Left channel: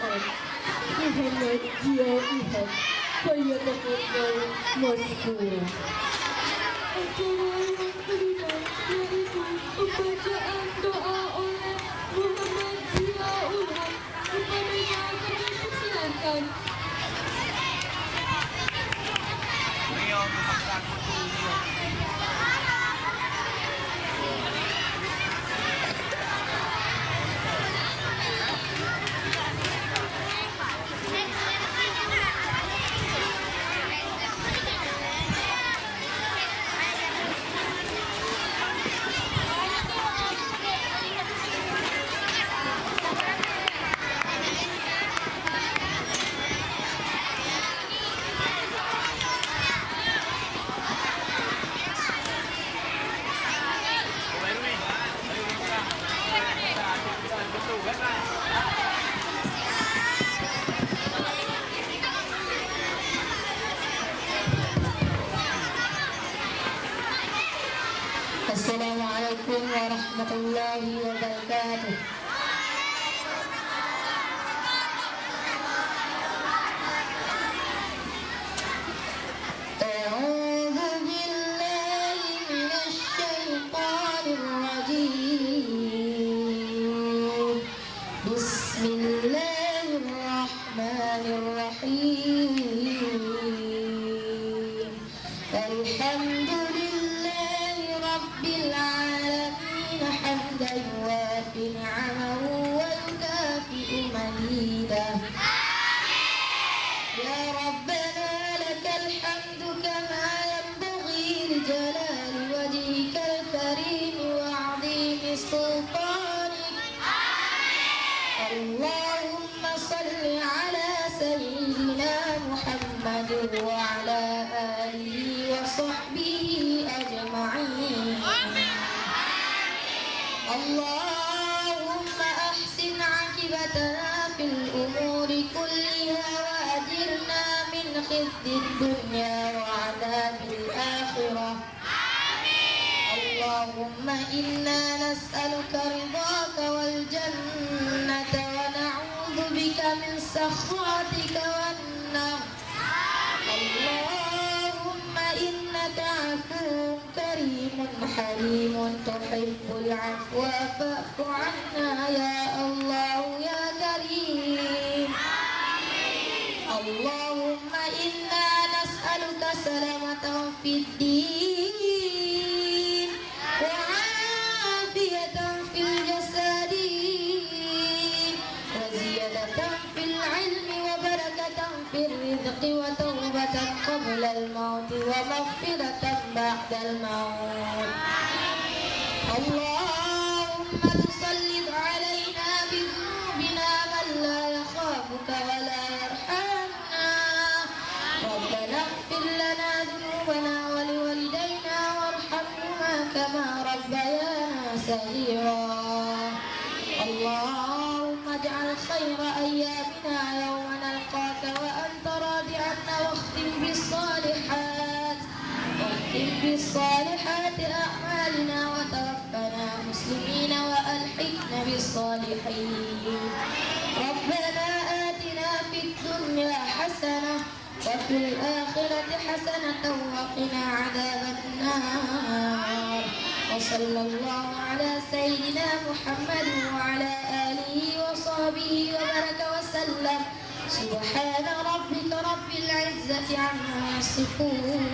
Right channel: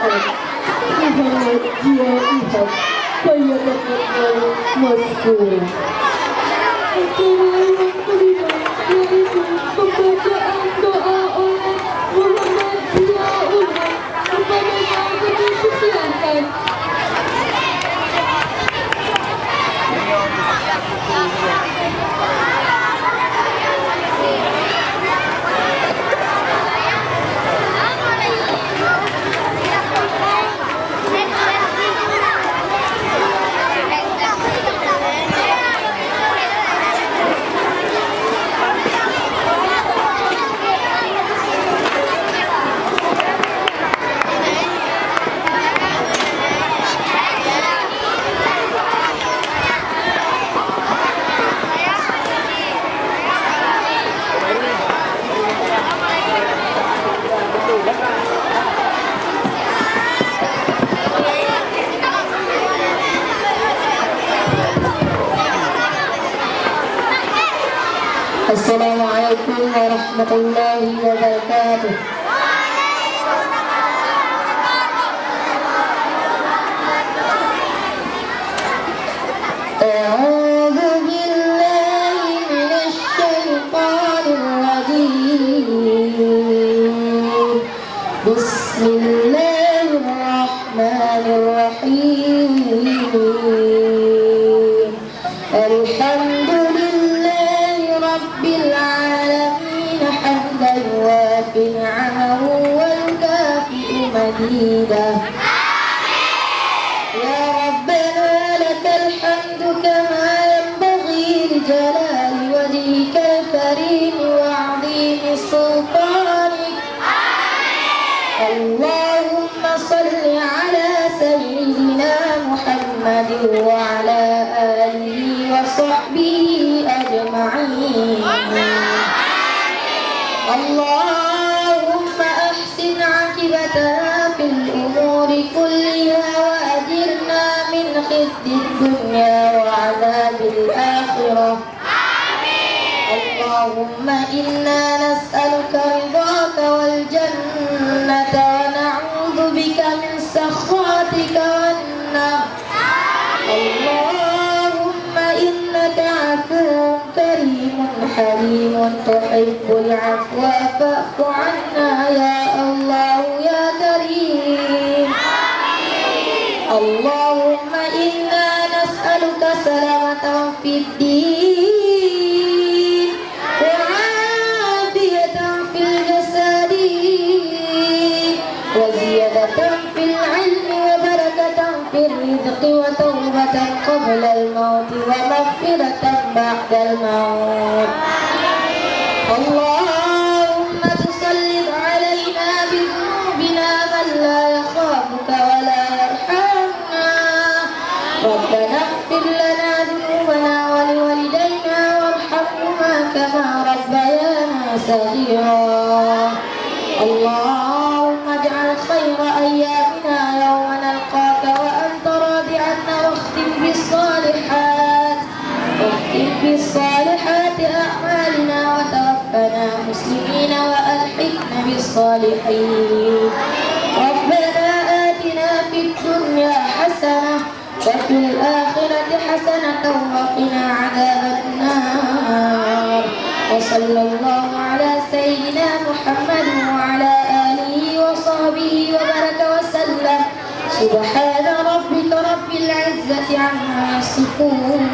الأرض محمد جائحة فليتفضل مشكورا. Pembacaan doa oleh Muhammad Ziaul kepada Maha dipersilakan. Assalamualaikum warahmatullahi wabarakatuh. A'udzu billahi minasy syaithanir rajim. Bismillahirrahmanirrahim. Alhamdulillahi rabbil alamin hamdan wafi ni'amahu wal kafi'u mazidah. Ya Rabbana lakal hamdu kama yanbaghi li jalali wajhikal karim wa 'azimi sultanik. Allahumma salli ala sayyidina Muhammadin wa ala alihi wa sahbihi ajma'in. Allahumma ahsin 'aqibatana fil umuri kulliha wa ajirna min khizyid dunya wa 'adzabil akhirah. Allahumma inna nas'aluka ridhaka wal jannata wa na'udzu bika min sakhatika wan nar. Allahumma innaka 'afuwwun karimun halimun tuhibbul 'afwa fa'fu 'anna ya Allah ya karim. Allahumma inna nas'aluka salamatan fid din wa 'afiyatan fil jasadi wa ziyadatan fil 'ilmi wa barakatan fil rizqi wa tawbatan qabla al-maut wa maghfiratan ba'da al-maut. Allahumma tusallid 'alaina bi dhunubina man la yakhafuka wa la yarhamna. Rabbana ighfir lana dhunubana wa liwalidayna warhamhuma kama rabbayana saghira. Allahumma ij'al khayra ayyamina yawma nalqaka wa anta radi 'anna wakhtim bis-salihati a'malina wa tawaffana muslimina wa alhiqna bis-salihin. Rabbana atina fid dunya hasanah wa fil akhirati hasanatan wa qina 'adzaban nar. Wa sallallahu ala sayyidina Muhammadin wa ala alihi wa sahbihi wa baraka wa sallam. Subhana rabbika rabbil 'izzati 'amma yasifun.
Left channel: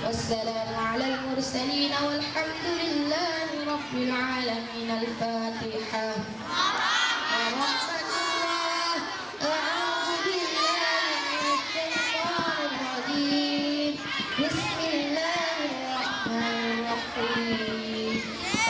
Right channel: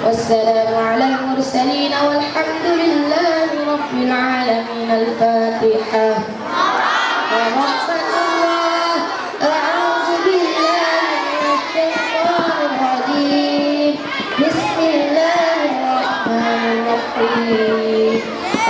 Wassalamu ala al-mursalin walhamdulillahi rabbil alamin. Al-Fatihah.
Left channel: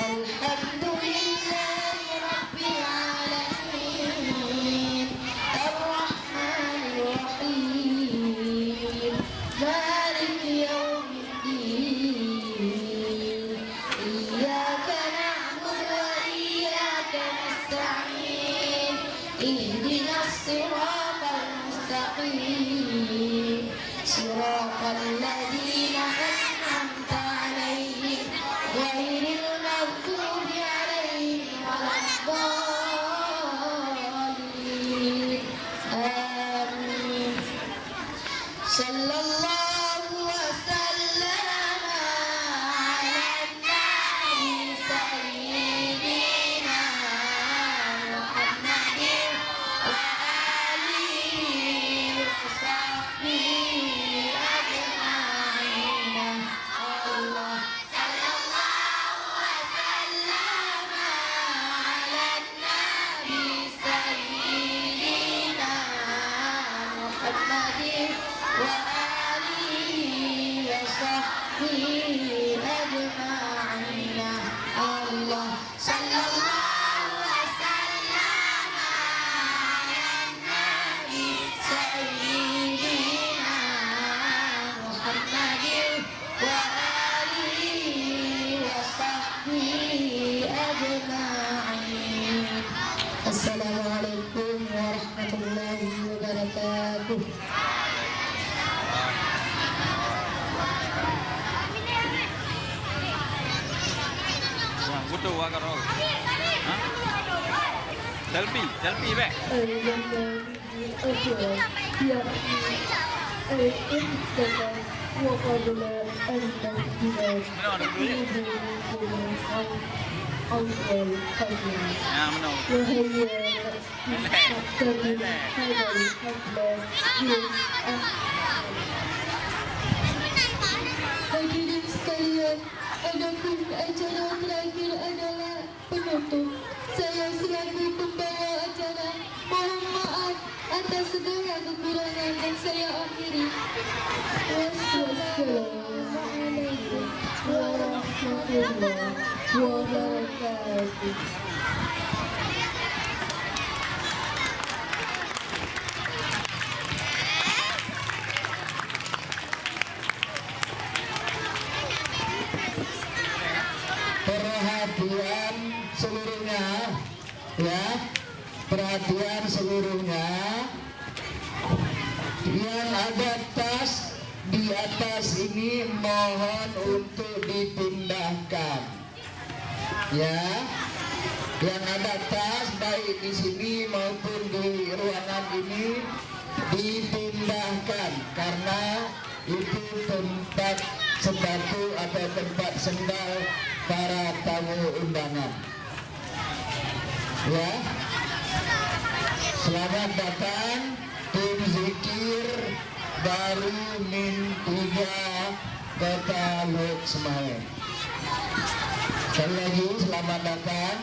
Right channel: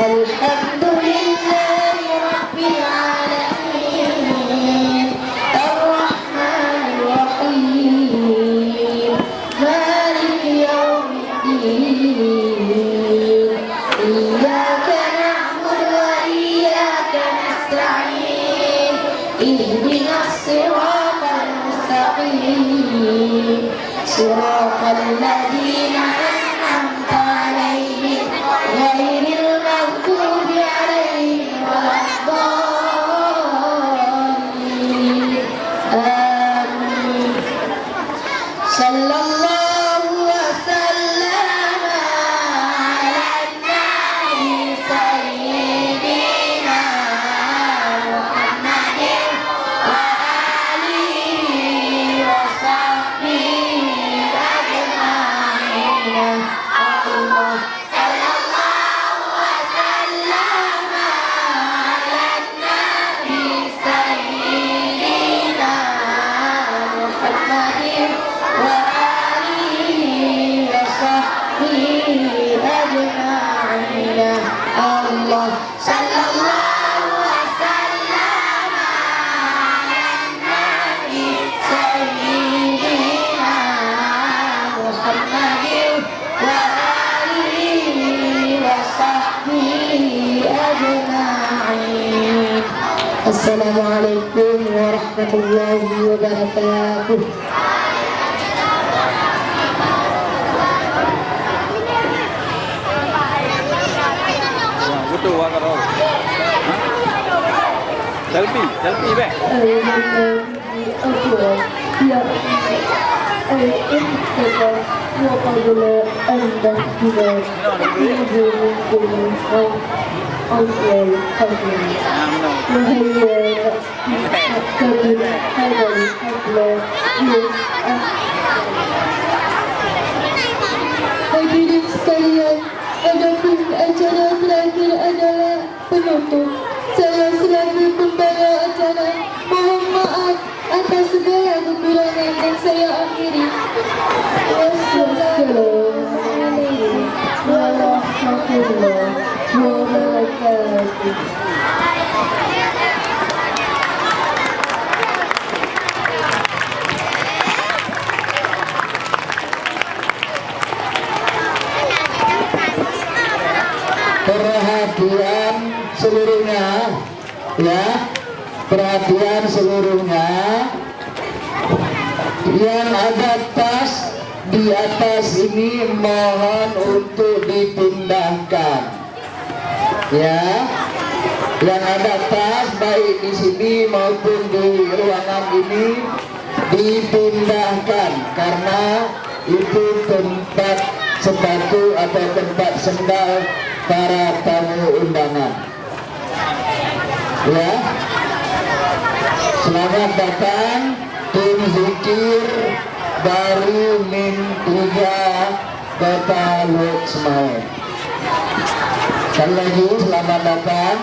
Alhamdulillahi rabbil alamin. Ar-Rahmanir Rahim. Maliki yawmiddin. Iyyaka na'budu wa iyyaka nasta'in. Ihdinas siratal mustaqim. Siratal ladzina an'amta 'alaihim ghairil maghdubi 'alaihim waladdallin. Sallallahu wasallam ala nabi sayyidina Muhammadin wa alihi wa sahbihi ajma'in. Allah sallallahu wasallam ala nabi sayyidina Muhammadin wa alihi wa sahbihi ajma'in. Allah sallallahu wasallam ala nabi sayyidina Muhammadin wa alihi wa sahbihi ajma'in. Assalamualaikum warahmatullahi wabarakatuh. Butuh warna roh. Selfie be. Hadirin sekalian, adapun acara terakhir adalah penutup. Saya selaku pembawa acara mohon maaf atas segala kekurangan dan saya akhiri. Wassalamualaikum warahmatullahi wabarakatuh. Perhatian seluruhnya, ya, perhatian seluruhnya. Yang ada tas di atas ini mohon untuk dipindahkan, ya. Yang ada tas baik di sini maupun di ruangan ini dipindahkan karena itu tempat sepatu atau tempat sendal para tamu undangan, ya. Selamat datang tim zikir dari Min 3 Kota Lok Semawe. Sekali lagi selamat datang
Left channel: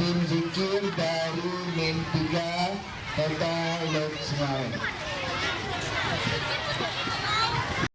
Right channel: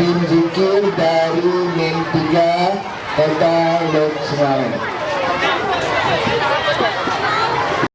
tim zikir dari Min 3 Kota Lok Semawe.